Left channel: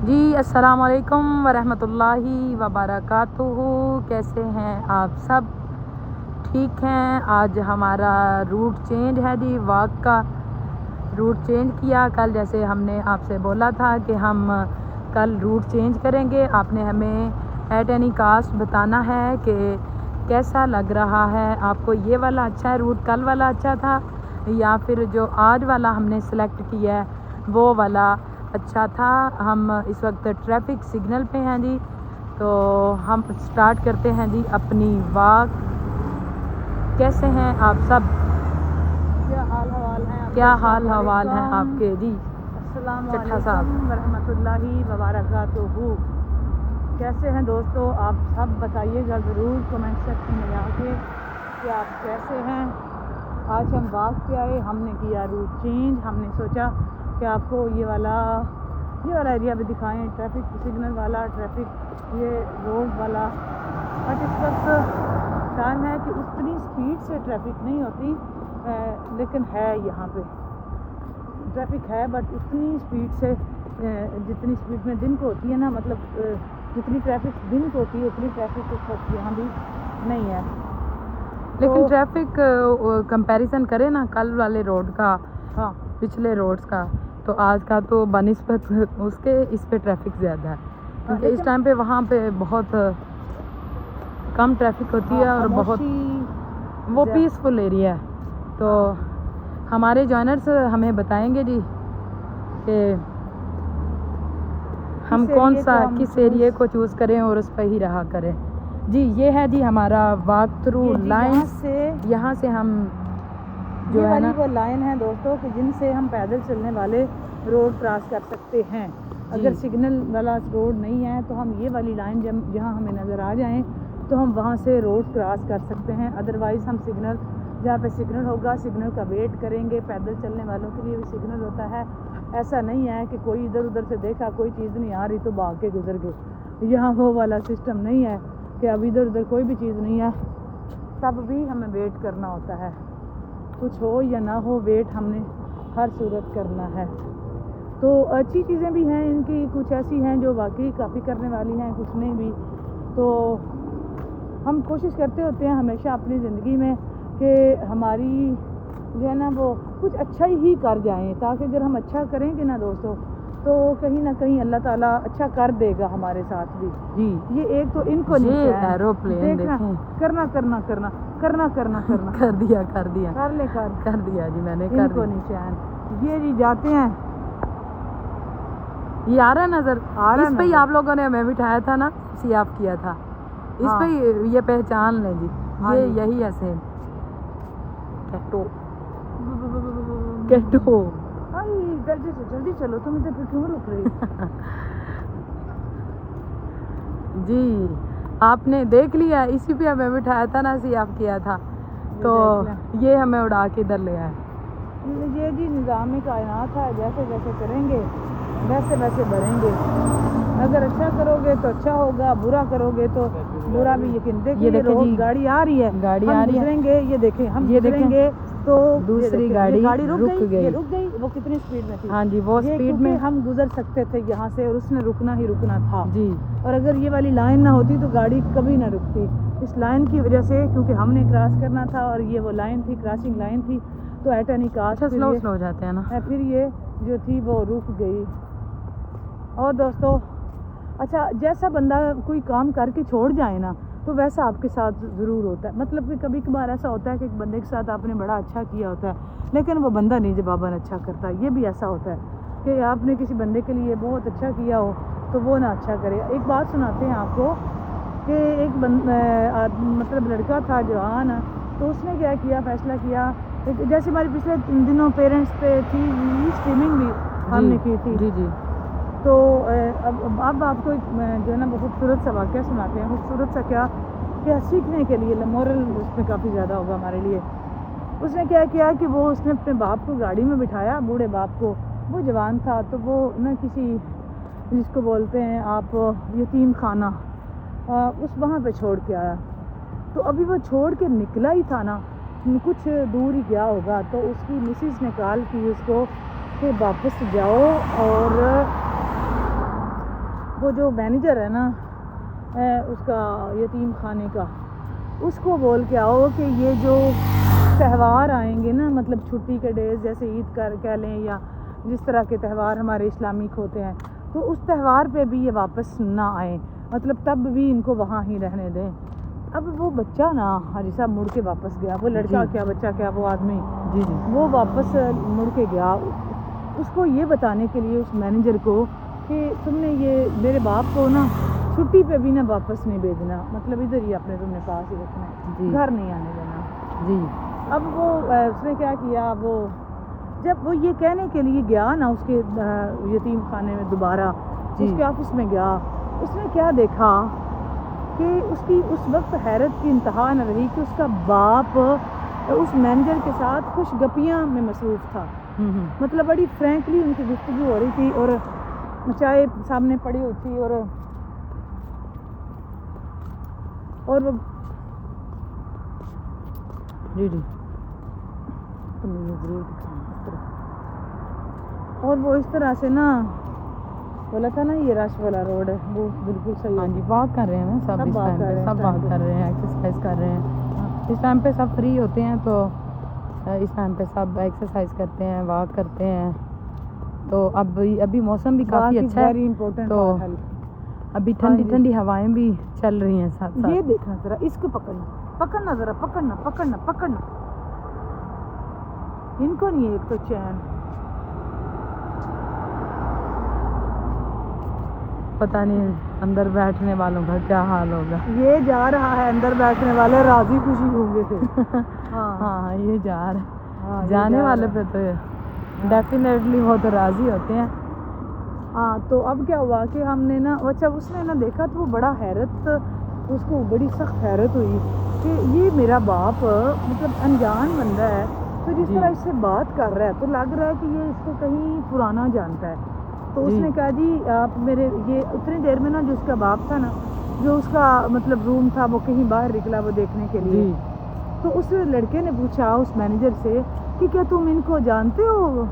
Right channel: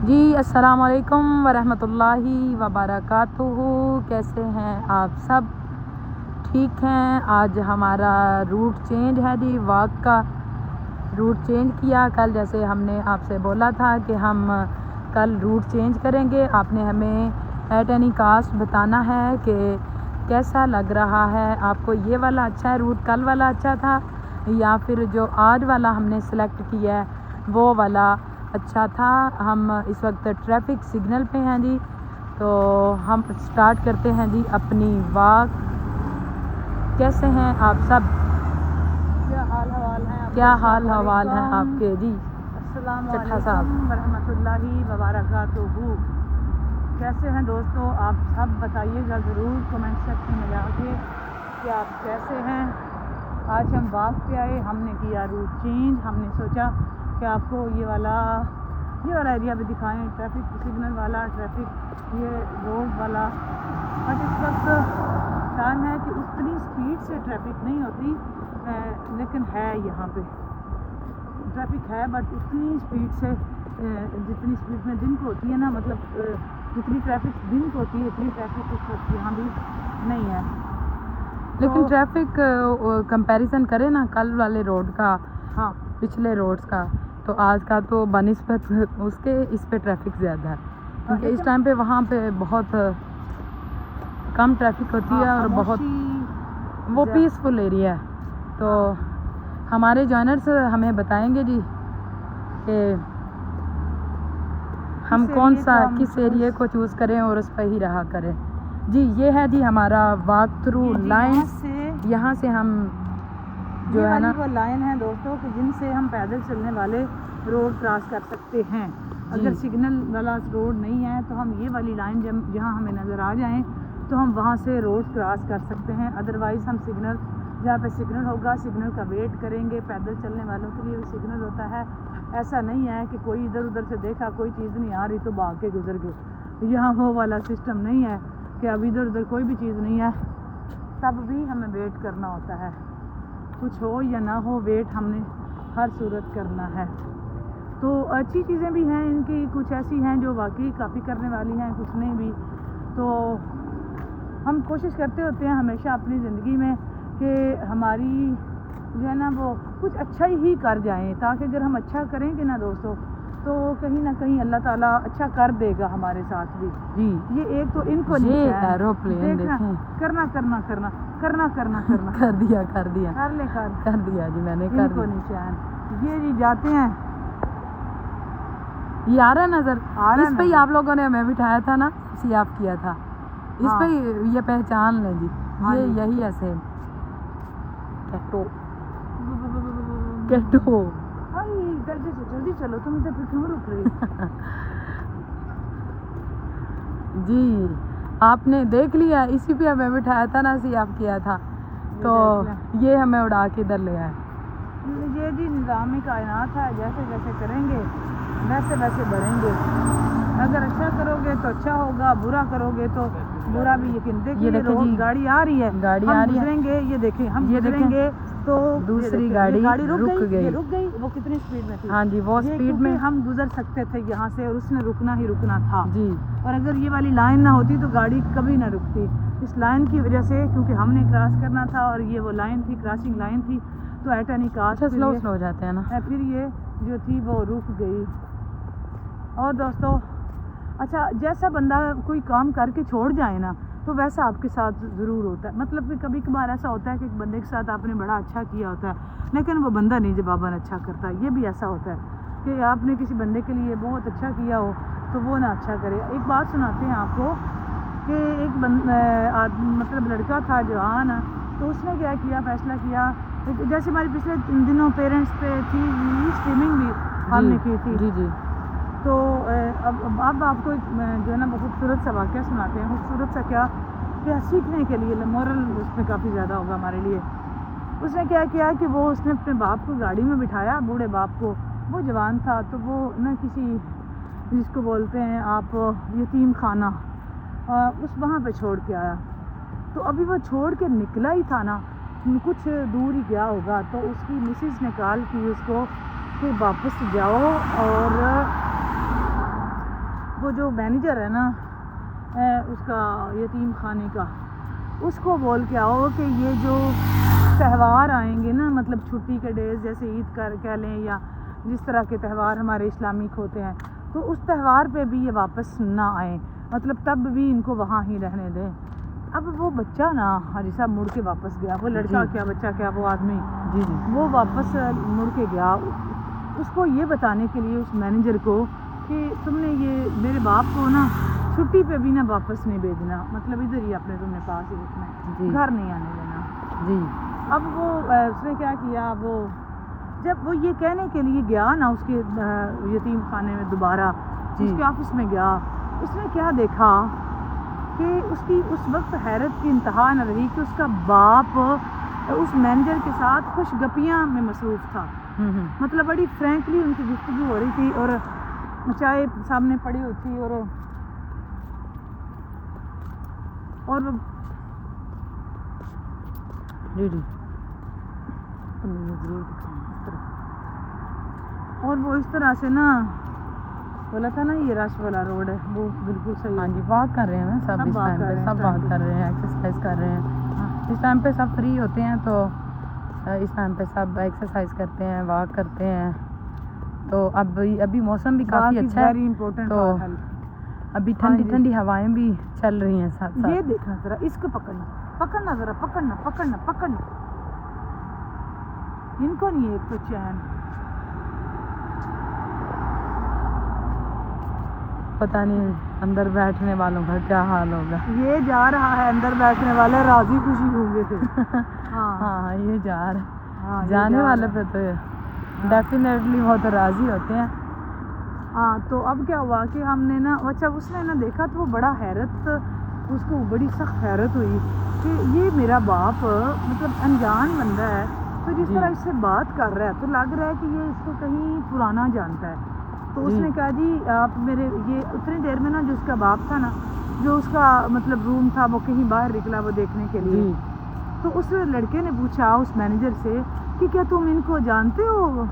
जी अस्सलाम वालेकुम वरहमतुल्लाहि वबरकातुहू। कैसे हैं आप सब? ठीक हैं। आज हमारा रूट चेंज है जी, वॉक का रूट चेंज किया। कल जैसे हमने आपसे बोला था कि हम कल रूट चेंज करेंगे, आपने हमें एट एनी कास्ट बताना है कि कैसा लग रहा है आपको। ये वाला अच्छा है रूट, कल वाला अच्छा था, या फिर जो आज वाला हमने सेलेक्ट किया है वो वाला अच्छा था। हम इस वक्त ट्रैफिक सिग्नल पे हैं जी, तो हम स्टार्ट करते हैं जी अपनी वॉक। कैसे हैं आप सब? क्या हाल हवाल हैं आपके जी चट्ठा साहब? रहमतुल्लाहि वबरकातुहू। कैसे हैं दोस्तों आप सब? बताइएगा ज़रूर कमेंट सेक्शन में आके कि आप कैसे हैं। आज हम वॉक पे आए, हमने किया रूट चेंज। हमने सोचा कि आपको ये वाला एरिया भी दिखाएं, ट्रैफिक सिग्नल वाला, ट्रैफिक ये रोड वाला। बट इस वक्त टाइम है कि उतनी स्पीड से ट्रैफिक नहीं होती, लेकिन है यहाँ पे ट्रैफिक है, बट उतनी स्पीड से जितनी स्पीड में दिन को होती है ना, मतलब जितनी ट्रैफिक दिन को होती है उतनी ट्रैफिक इस वक्त यहाँ भी नहीं है। लेकिन तो ट्रैफिक कंपैरिजन करें ना कल वाले रोड का, हाँ, पिछले रोड्स का, तो आज का तो बनिस्बत उसके इस पे ट्रैफिक ज़्यादा है, क्योंकि इस टाइम पे वहाँ पे बहुत कम ट्रैफिक होती है और बहुत वो पीसफुल एरिया है। तो हमारे जॉइनर्स हमें बताएंगे जी कि हम कौन सा किस एरिया को चूज़ करें और उस पर ही रहा करें जी। ये है जी हमारा वॉक थ्रू लाइन से। यहाँ से हम जो है ना वो लाइन है दोस्तों कि जिनसे हम पैदल चलने वाले रोड क्रॉस कर सकते हैं। अगर सिग्नल वाला रोड नहीं है तो हम ये वाली लाइन जहाँ हमें नज़र आ जाए तो हम वहाँ से रोड क्रॉस कर सकते हैं। अदरवाइज़ हम सिग्नल, जहाँ पे सिग्नल होगा सिग्नल का वेट करेंगे। पैदल चलने वालों के लिए भी सिग्नल होता है। ऐसा नहीं है कि कोई इधर उधर से देखा कोई चीज़ नहीं आ रही तो भाग के गुजर गए। यहाँ वो वाला सिस्टम नहीं है कि अब इधर उधर कोई भी चीज़ नहीं है, तब भी हमें वेट करना होता है। कुछ हो या ना हो, वेट हमने हर सूरत करना है। तो अच्छी चीज़ें भी हैं इनकी, कुछ ऐसी हैं जो वाकई काफ़ी करने वाली हैं, कुछ नहीं भी। तो हम कोशिश करते होते हैं हमेशा अपनी ज़िंदगी में कि हमारी जो है ना वो कुछ अच्छा ही कर जाएं, ताकि अगर हम अच्छा करेंगे ना दोस्तों तो कहीं ना कहीं अल्लाह ताला अच्छा कर देगा हमारे साथ भी जी। ये एक तो इनको एरोप्लेन देखें, करना करना करना करना करना करना कर दिया कर दिया कर ले कर दिया जी, मैंने कर इनको दिया। निशान ये जी जाते हैं। ये आ रहा है नजर, इस पे ही आप लोगों ने हमें बिठाया था ना, सियाफ किया था इस पे ये पहचान लें जी। ये यही है सेम कैटो कैटो। जल्दी चलो, तुम इधर पे क्यों रुक रही? जी आपने देख लिया, इसी पे हमें बिठाया था ना, सियाफ किया था, तो ये हमें उड़ा के इधर ले आए। ये जी निज़ामी कायनात है, जैसे जैसे करेंगे वैसे वैसे बढ़ेंगे। अगर अच्छा करोगे तो अच्छा होगा, बुरा करोगे तो बुरा भी। यकीन देखिए ये देखिए गाड़ी आ रही है, गाड़ी आ रही है, ये देखें हम ये देखेंगे तो दूसरी गाड़ी रुक गई। वो कितनी स्पीड में थी? हाँ जी, वो स्पीड में हम गुजर सकते थे यहाँ से, और उसने रुकना ही रुकना था जी। और अगर ये वाली लाइन ना होती तो गाड़ी कभी ना रुकती। इस लाइन की वजह से, क्योंकि हमने क्रॉस करना था और ये वो लाइन थी, क्रॉसिंग लाइन थी, तो एट एनी कास्ट स्लो हो जाते हैं ना, फिर ये जो थी वो रुक गई। और दोस्तों अच्छा, जैसा बंदा कोई काम करके छोड़ जाए ना तो वैसा आपके साथ ज़रूर होता है। मतलब कि कभी कभार ऐसा होता है कि एक बंदे के साथ आपने बड़ा अच्छा किया होता है लेकिन वो बंदा नहीं जवाबन अच्छा करता। ये भी ऐसा होता है कि आपने किसी बंदे के लिए बहुत अच्छा किया हो तो वो ना अच्छा करे। एक बात सुनाते हैं आपको कि एक मतलब लड़का था जवान, तो उसने क्या किया, फैसला किया, जैसे हमारे पिछले दिनों पेरेंट्स पे थी स्ट्रीमिंग भी हमने की थी जी जी। तो अब आपको जो है ना बहुत खूबसूरत सा वाक़या सुनाते हैं। खूबसूरत सा क्या कि सीखने के लिए मोरल उसमें काफ़ी ज़्यादा होगा हमारे लिए। उसने क्या किया कि वो उसने अपने बाप को गाड़ी में बिठाया, बूढ़े बाप को, वो जवान था, तो वो ना किसी जिसको बोलते हैं आप यतीम खाना, उस वहाँ पे छोड़ के आया। तो अभी वो छोड़ के निकला ही था ना, कुछ दूर ही गया होगा, तो उसकी मिसेस ने कॉल की उसको कि वापस जाओ और वो जो मैनेजर है ना उसका यतीम खाने का, उसको बोल के आओ कि ये जो त्यौहार आएंगे ना, मतलब छुट्टी के डेज जैसे ईद कर कह लें या जिस तरह के त्यौहार हमारे इस्लामिक होते हैं, तो उस त्यौहार पे भी ये वापस ना आए, मतलब तब भी इनको वहाँ ही रहने दें। अब वो बच्चा ना हाजी साहब मुड़ के वापस गया, वो लड़का क्या बच्चा क्या वो आदमी जी जी वो वापस मुड़ के गया उसको ये बताने के लिए, उस मैनेजर को, कि तुमने ये मेरे बाप को ना छुट्टी पे भी ना वापस नहीं भेजना, मतलब इधर ही अपने तुमने पास ही रखना है, जी। घर नहीं आने देना जी। अब वो उसने क्या किया, वो जब वो ये कहने के लिए गया ना उसके यतीम खाने में दोबारा, जी। उसके ऑफिस में गया, उसने क्या देखा कि उसकी उस वक्त हैरत की इंतहा न रही कि उसका बाप उस मैनेजर के साथ कुछ गपियाँ में मसरूफ़ था। मतलब बड़ी फ्रैंकली उनकी गुफ्तगू हो रही थी और चाय सामने पड़ी होती और जी जी तो मुझे ज़रूर दिखाना इस तरह। और वो इस तरह से ना बोला था ना ये रश वाला रोड है, वो बिल्कुल सही। हाँ जी, वॉक कर रहे हैं ना सब, सब इस वॉक टाइम कर पे रहे हैं, सब इस टाइम वॉक पे। कर रहे हैं, एक्सरसाइज कर रहे हैं। हाँ, इस टाइम पे सब फ्री होते हैं तो इस टाइम पे सब एक्सरसाइज करते हैं, वॉक करते हैं। तो अभी मौसम भी काफ़ी अच्छा है, वेरी इंपॉर्टेंट तो है। अभी हाँ ठंडी जी। ठंडी हवाएं भी चल रही हैं साथ ये साथ। देखना जरा, इसको पकड़ना जरा, पकड़ना इनको नहीं है एक तो चैन। पता नहीं अंदर बैठने वालों का क्या हाल होगा। ये जा रहा है अंदर बैठने वाले राजी खुशी होंगे थे। हाँ हाँ ये जा रहा है, हाँ, ये जाने जा वाले रहा पे तो डेफिनेटली वो तो राजी होते हैं। हाँ। तो अब क्या हुआ कि हमने ना, अच्छा उसने ना देखा तो वो बड़ा हैरत, उसको बड़ी सख्त हैरत हुई कि ये मेरा बाप मतलब अनजान बंदा है, तो जिस जी। तरह इससे बात कर रहा है तो लग रहा है कि ये इसको कहीं पुराना जानता है। तो जी। उसने कहा जी आप मेरे, ये उतनी देर में ना जो उसका बाप था ना, जो उसका मतलब रूम था वो कहीं बाहर निकला वो देखने के लिए। जी। तो उस लड़के ने पूछा उस मैनेजर से कि क्या तुम इनको जानते हो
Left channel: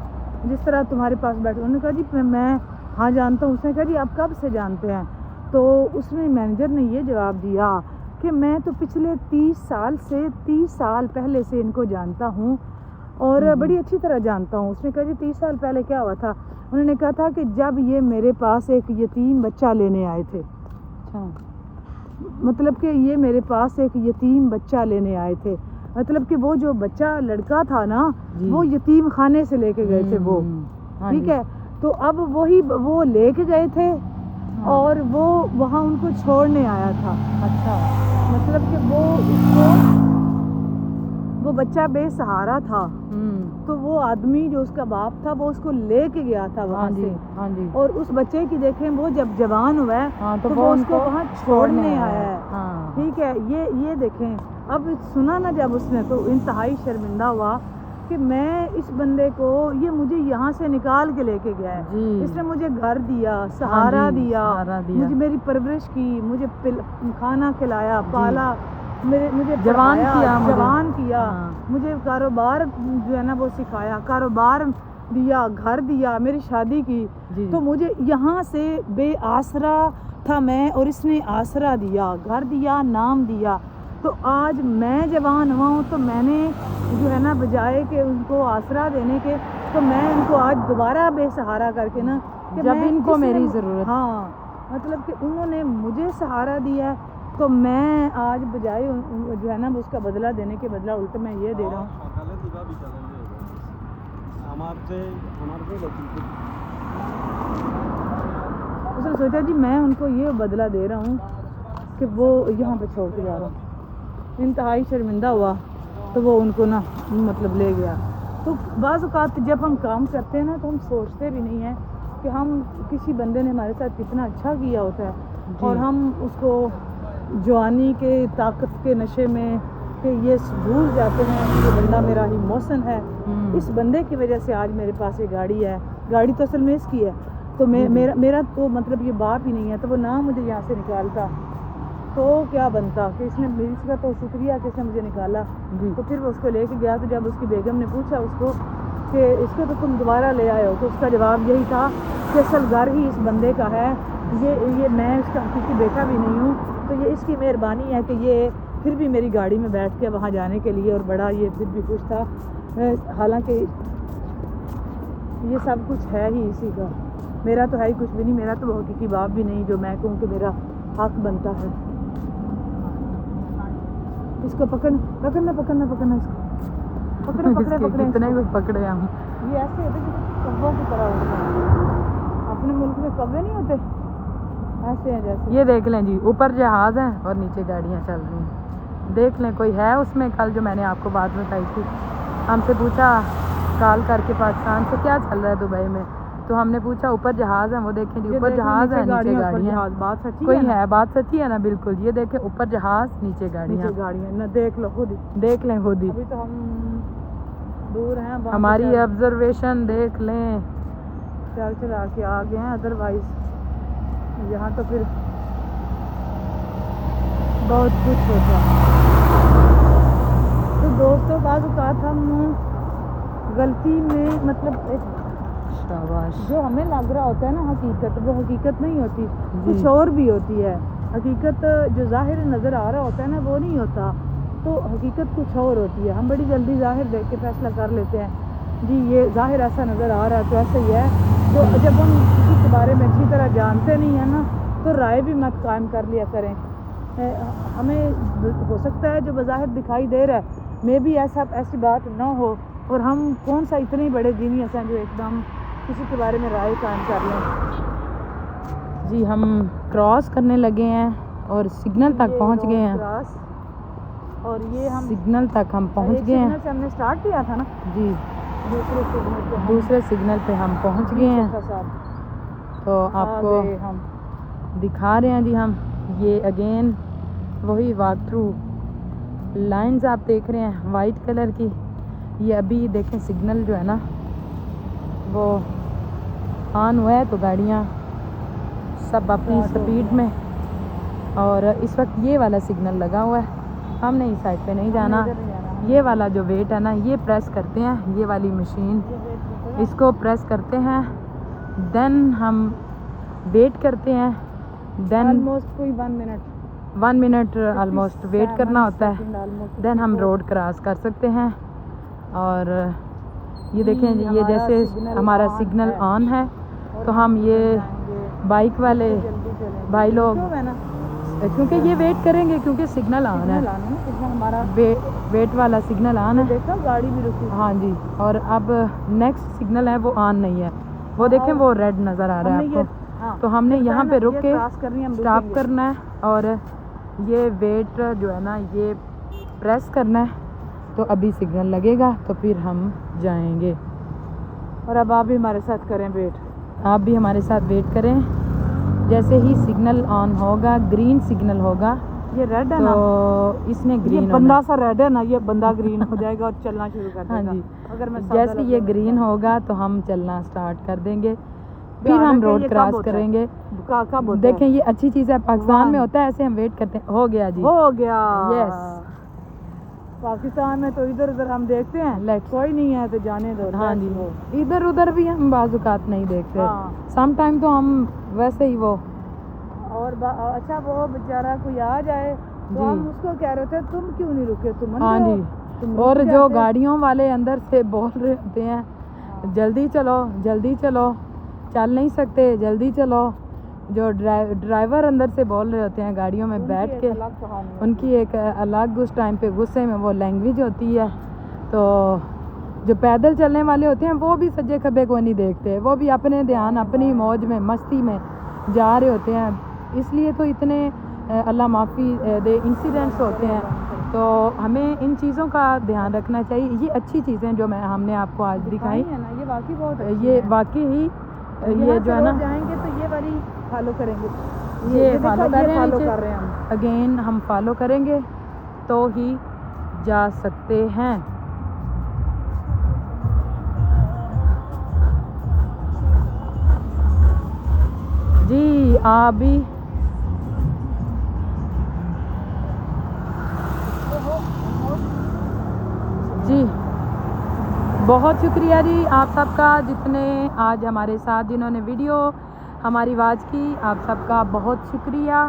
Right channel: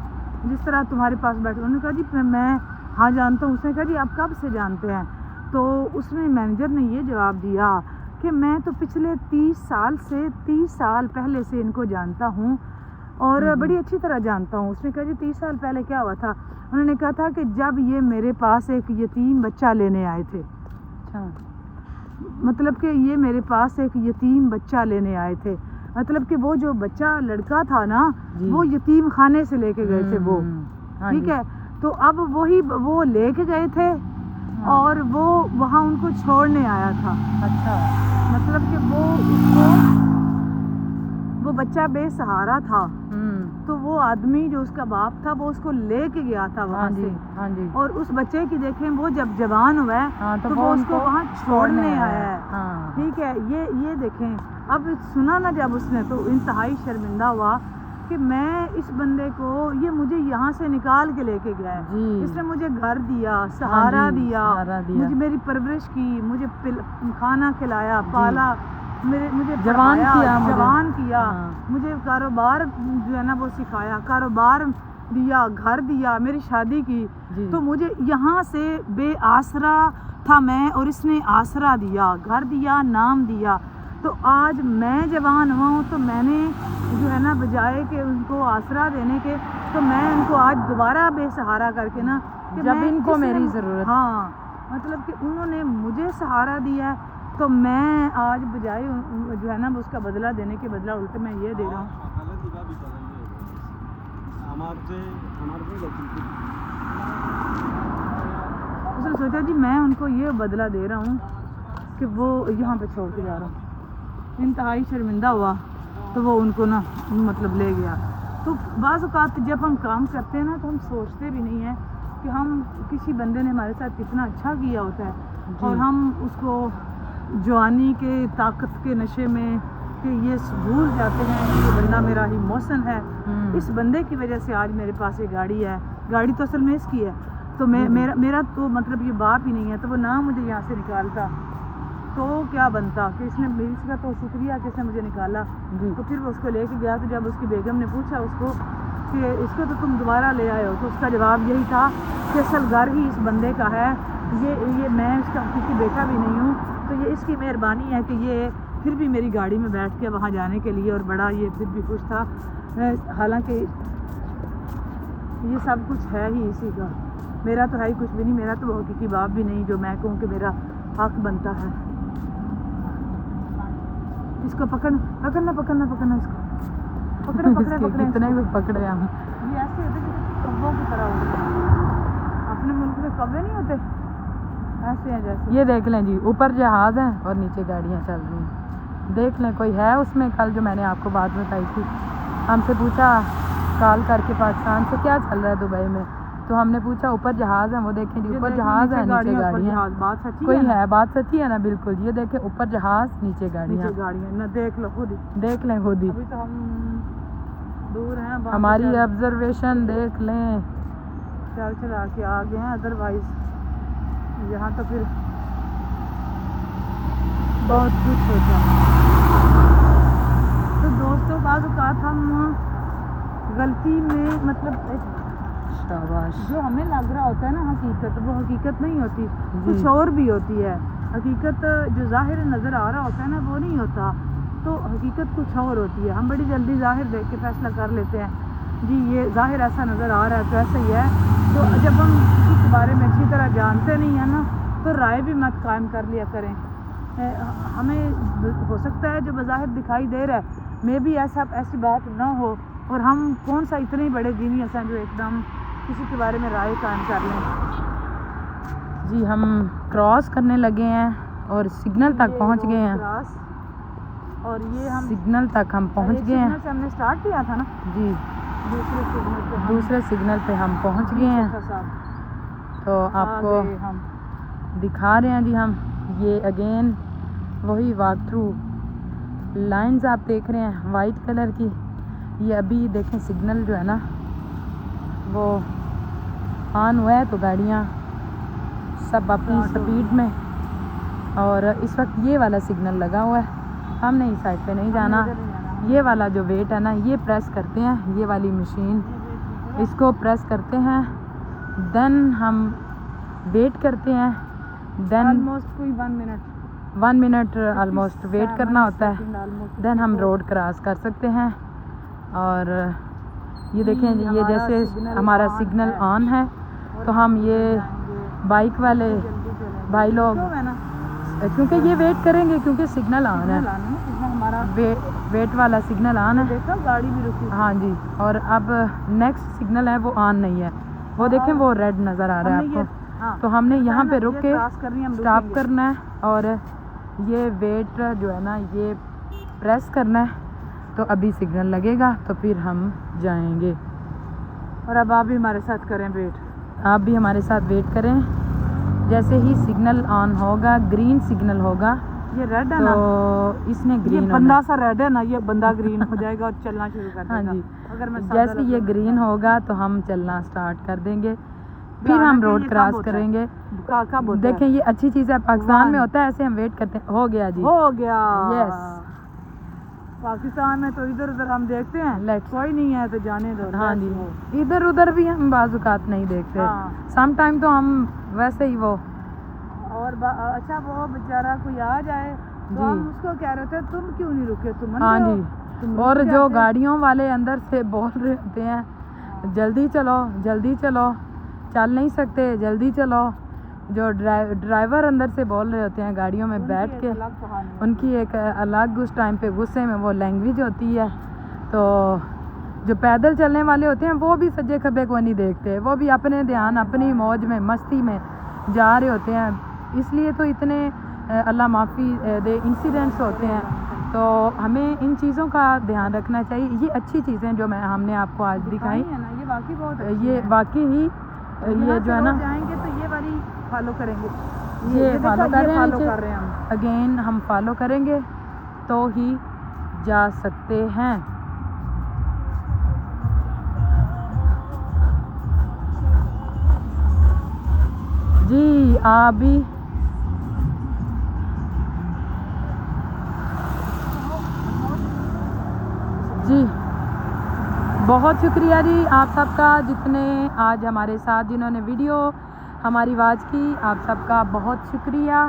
जिस तरह तुम्हारे पास बैठे। उन्होंने कहा जी मैं हाँ जानता हूँ। उसने कहा जी आप कब से जानते हैं? तो उसने मैनेजर ने ये जवाब दिया कि मैं तो पिछले 30 साल पहले से इनको जानता हूँ और बड़ी अच्छी तरह जानता हूँ। उसने कहा जी 30 साल पहले क्या हुआ था? उन्होंने कहा था कि जब ये मेरे पास एक यतीम बच्चा लेने आए थे, अच्छा। मतलब कि ये मेरे पास एक यतीम बच्चा लेने आए थे, मतलब कि वो जो बच्चा लड़का था ना जी। वो यतीम खाने से लेके गए थे वो, हाँ ठीक जी। है। तो अब वही वो लेके गए थे और वो वहाँ उनको छोड़ने आया था, अच्छा। मतलब कि वो उसको, वो बच्चा बेसहारा था, तो वो आदमी जो उसका बाप था वो उसको लेके गया था वहाँ हाँ जी। से। हाँ जी। और उस बच्चे की देखें वो जब जवान हुआ है हाँ, तो वो उसको वहाँ छोड़ने आया है, हाँ। ठीक है। ये देखें, अब सुना ना जब उसने तो इंतहाई शर्मिंदा हुआ कि मैं इस बंदे को, ये मुझे यहाँ से निकाल के लेके गया है, जी। इसने मुझे घर दिया, सहारा जी, दिया, सहारा दिया। मुझे मेरी परवरिश की, मुझे खाना खिलाया, पाला, मुझे जवान पढ़ाया, किया मुझे। जवान किया, हाँ। मुझे कारोबार जो है ना वो सिखाया, कारोबार दिया, घर दिया, मेरी शादी की। जी। तो मुझे यहाँ से बेआसरा था मैं और इसने आसरा दिया, घर दिया, नाम दिया। तो आज मैं जवान हुआ हूँ तो मैंने जो है ना बजाय के उनको आसरा देने के, तो मैं उनको आज दोबारा बेसहारा करके ना कि जब मैं इनको जिसने- मेरी ज़रूरत। हाँ, मतलब कि उन्होंने मुझे सहारा दिया है तो मैं आज बजाय जो है ना उसका बदला देने के बदला उल्टा मैं ये दे रहा हूँ। उसने सोचा जी मैं उनको ये बदला दे रहा हूँ कि वो यहाँ पे छोड़ के जा रहा हूँ। इंतहाई शर्मिंदा हुआ तो वो उनको ना मतलब ले गया। तो बाज़ औक़ात जब हम काम करते हैं ना तो हम सोचते भी नहीं हैं कि हम किसी बंदे ने हमारे साथ कितना अच्छा किया होता है और हम उसको जवानी के ताकत के नशे में कि ये भूल जाते हैं कि ये बंदा मेरा ही मौसन है। इस बंदे की वजह से आज मेरे पास ये गाड़ी है, गाड़ी तो असल में इसकी है, तो मेरा तो मतलब ये बाप ही नहीं है, तो वो ना मुझे यहाँ से निकालता तो क्या बनता कि इसने मेरी इसका तो शुक्रिया कि इसने मुझे निकाला। तो फिर वो उसको लेके गया, तो जब उसकी बेगम ने पूछा उसको कि इसको तो तुम दोबारा ले आए हो, तो उसका जवाब यही था कि असल घर ही इस बंदे का है ये मैं इसका हकीकी बेटा भी नहीं हूँ, तो ये इसकी मेहरबानी है कि ये फिर भी मेरी गाड़ी में बैठ के वहाँ जाने के लिए, और बड़ा ये फिर भी खुश था। हालांकि ये सब कुछ है ही इसी का, मेरा तो है ही कुछ भी नहीं, मेरा तो वो हकीकी बाप भी नहीं जो मैं कहूँ कि मेरा हक बनता है। इसको पकड़ना इसको इसके कितने भी पकड़े हम। ये ऐसे होते कि कौवों की तरह होते हैं। अपने मुल्क में कौवे नहीं होते, ऐसे हैं जैसे। ये देख लें जी, ऊपर जहाज है और नीचे गाड़ियाँ चल रही हैं। देख लें कोई है उसमें। कल जो मैंने आपको बात बताई थी, हमसे पूछा कॉल करके पाकिस्तान से क्या चल रहा है दुबई में, तो हमने पूछा ऊपर जहाज है। वो देखें जी, ऊपर जहाज है, नीचे गाड़ियाँ। बात सच्ची कोई है, है, बात सच्ची है ना? बिल्कुल। ये देखें ऊपर जहाज, नीचे गाड़ियाँ। ना देख लो खुद, देख लें खुद ही। अभी तो हम दूर हैं, हमारी ऑब्जर्वेशन देख लें। चला के आ गए हैं, अदरवाइज यहाँ तो फिर बहुत कुछ होता है। तो दोस्तों बाज़ औक़ात हम गलती में, मतलब जो हमें लग रहा होता है ना हकीकत, वो हकीकत नहीं होती, कुछ और भी होती है। हकीकत जो ज़ाहिर नज़र आ रहा होता है ना, वो नहीं होता, तो हकीकत कुछ और होती है। हम बड़ी जल्दी ज़ाहिर देख के फैसला कर लेते हैं जी, ये ज़ाहिर ऐसा नज़र आ रहा है तो ऐसा ही है। तो जब हम किसी के बारे में अच्छी तरह जानते नहीं हैं ना, तो राय भी मत कायम कर लिया करें। हमें हो सकता है जो बज़ाहिर दिखाई दे रहा है मे भी ऐसी बात ना हो, और हम कौन सा इतने बड़े जीनियस हैं जो एकदम किसी के बारे में राय कायम कर लें। जी हम क्रॉस करने लगे हैं और सिग्नल तक पहुंच गए हैं। और ये हम सिग्नल तक हम पहुंच गए हैं। हमने स्टार्ट किया था ना जी, दूसरे सिग्नल पे हम पहुंच गए हैं। तो आपको हम दिखा रहे हैं जी हम, ये अगेन वही वॉक थ्रू लाइंस आप देख रहे हैं वाइट कलर की। ये अभी देखें सिग्नल जो है ना वो ऑन हुआ है, तो गाड़ियाँ सब अपनी स्पीड में, और इस वक्त ये वाला सिग्नल लगा हुआ है। हमने इस साइड पे नहीं जाना। ये वाला जो वेट है ना, ये प्रेस करते हैं, ये वाली मशीन, इसको प्रेस करते हैं, देन हम वेट करते हैं, देन ऑलमोस्ट कोई 1 मिनट ऑलमोस्ट वेट करना होता है, देन हम रोड क्रॉस कर सकते हैं। और ये देखें, ये जैसे हमारा सिग्नल ऑन है, तो हम ये बाइक वाले भाई लोग, क्योंकि ये वेट करेंगे क्योंकि सिग्नल ऑन है, हमारा वेट वाला सिग्नल ऑन है। देखा गाड़ी भी रुकी। हाँ जी, और अब नेक्स्ट सिग्नल है वो ऑन नहीं है, वो देखें वो रेड नज़र आ रहा है आपको। तो हमने यहाँ पे रुक के स्टॉप करना है, और ये वेट जो है ना ये प्रेस करना है, तो अभी सिग्नल लगेगा तो फिर हम जाएंगे। और अब आप भी हमारे साथ करें वेट, आप भी हमारे साथ वेट करें। जैसे ही सिग्नल ऑन होगा, ग्रीन सिग्नल होगा, ये रेड है तो ना, इसने ग्रीन, ये बंदा सा रेड है ना, ये बंदा ग्रीन हो जाएगा और चलना शुरू कर देगा। हाँ जी, अगर मैं जैसे ये ग्रीन होगा तो हम चलना स्टार्ट कर देंगे, फिर हम रोड क्रॉस करेंगे। देखें ये अच्छी चीज़ है, पाकिस्तान में होता है ऐसे, हम वेट करते हैं। हो गया जी, हो गया। यस, पाकिस्तान में तो इधर उधर हम देखते हैं, कोई नहीं है तो जाने दो। हाँ जी, इधर उधर भी हम बाज़-औक़ात नहीं देखते, सम टाइम तो हम वैसे ही वो। और अच्छा वो बेचारा कोई आ जाए तो हम उसको कह रहे थे तुम क्यों नहीं रुके, तुम हाँ जी। और जो गाड़ियों वाले अंदर से बोल रहे होते हैं जल्दी चलो जल्दी चलो, चल नहीं सकते, जल्दी चलो। जो ड्राइवर अंदर से बोल रहे होते हैं गाड़ियों में बैठ के, उनकी एक अलग उस टाइम पे गुस्से में वो लैंग्वेज होती है। तो जो पैदल चलने वाले होते हैं वो भी सज्जे खब्बे को नहीं देखते, वो भी अपने ध्यान अपनी मौज में मस्ती में जा रहे होते हैं। इसलिए तो इतने अल्लाह माफ़ी दे इंसिडेंट्स होते हैं। तो हमें इन चीज़ों का ध्यान रखना चाहिए। ये अच्छी चीज़ें जो हमने आपको आज दिखाई, ये वाकई बहुत ये वाकई ही ये जो है ना, जाएंगे तो ये वाली फॉलो करेंगे, ये फॉलो कर रहे हैं हम। अगेन हम फॉलो करेंगे तो ही जा सकते हैं। जी आप भी जी बहुत शुक्रिया जी आप सबका, जितने आज हमारे साथ जिन्होंने वीडियो हमारी आवाज़ की। आप सबका बहुत शुक्रिया।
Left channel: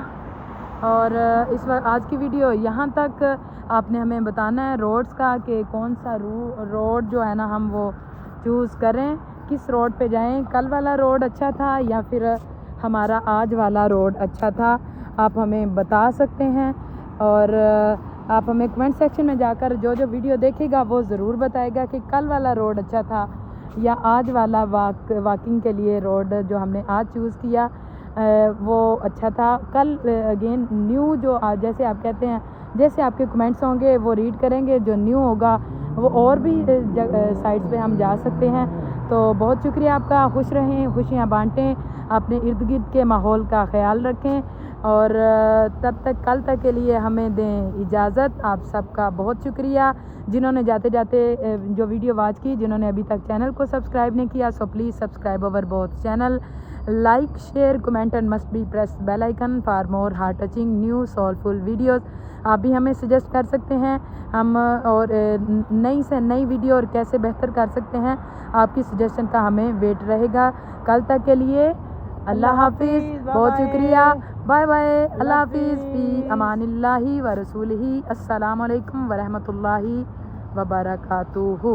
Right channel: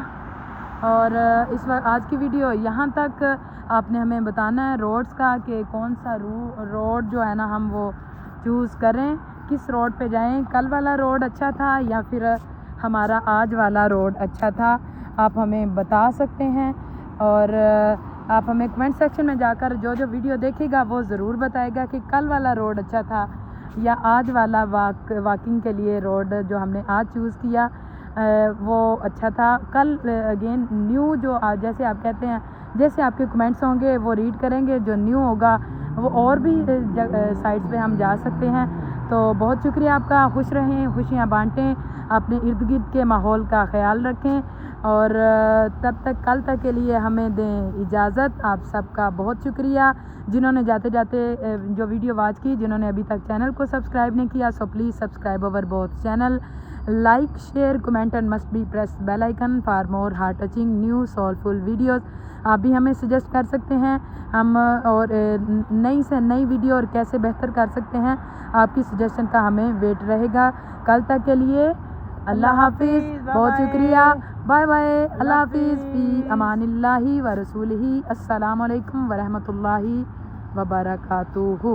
और इस वक्त आज की वीडियो यहाँ तक। आपने हमें बताना है रोड्स का कि कौन सा रोड जो है ना हम वो चूज़ करें, किस रोड पे जाएं। कल वाला रोड अच्छा था या फिर हमारा आज वाला रोड अच्छा था, आप हमें बता सकते हैं। और आप हमें कमेंट सेक्शन में जाकर जो जो वीडियो देखेगा वो ज़रूर बताएगा कि कल वाला रोड अच्छा था या आज वाला वॉकिंग के लिए रोड जो हमने आज चूज़ किया वो अच्छा था। कल अगेन न्यू जो जैसे आप कहते हैं, जैसे आपके कमेंट्स होंगे वो रीड करेंगे, जो न्यू होगा वो और भी साइट्स पे हम जा सकते हैं। तो बहुत शुक्रिया आपका। खुश रहें, खुशियाँ बांटें, अपने इर्द गिर्द के माहौल का ख्याल रखें और तब तक कल तक के लिए हमें दें इजाज़त। आप सबका बहुत शुक्रिया। जिन्होंने जाते जाते जो वीडियो वॉच की, जिन्होंने अभी तक चैनल को सब्सक्राइब नहीं किया, so please subscribe our both channel, like share comment and must be press bell icon for more heart touching new soulful videos. आप भी हमें सजेस्ट कर सकते हैं हम और नई से नई वीडियो और कैसे बेहतर कर सकते हैं, आपकी सजेशन का हमें वेट रहेगा। कल तक के लिए अल्लाह हाफिज़, बहुत शुक्रिया, बाय बाय, अल्लाह हाफिज़, फी अमानिल्लाहि व रसूलिही, अस्सलामु अलैकुम व रहमतुल्लाहि व बरकातुहू।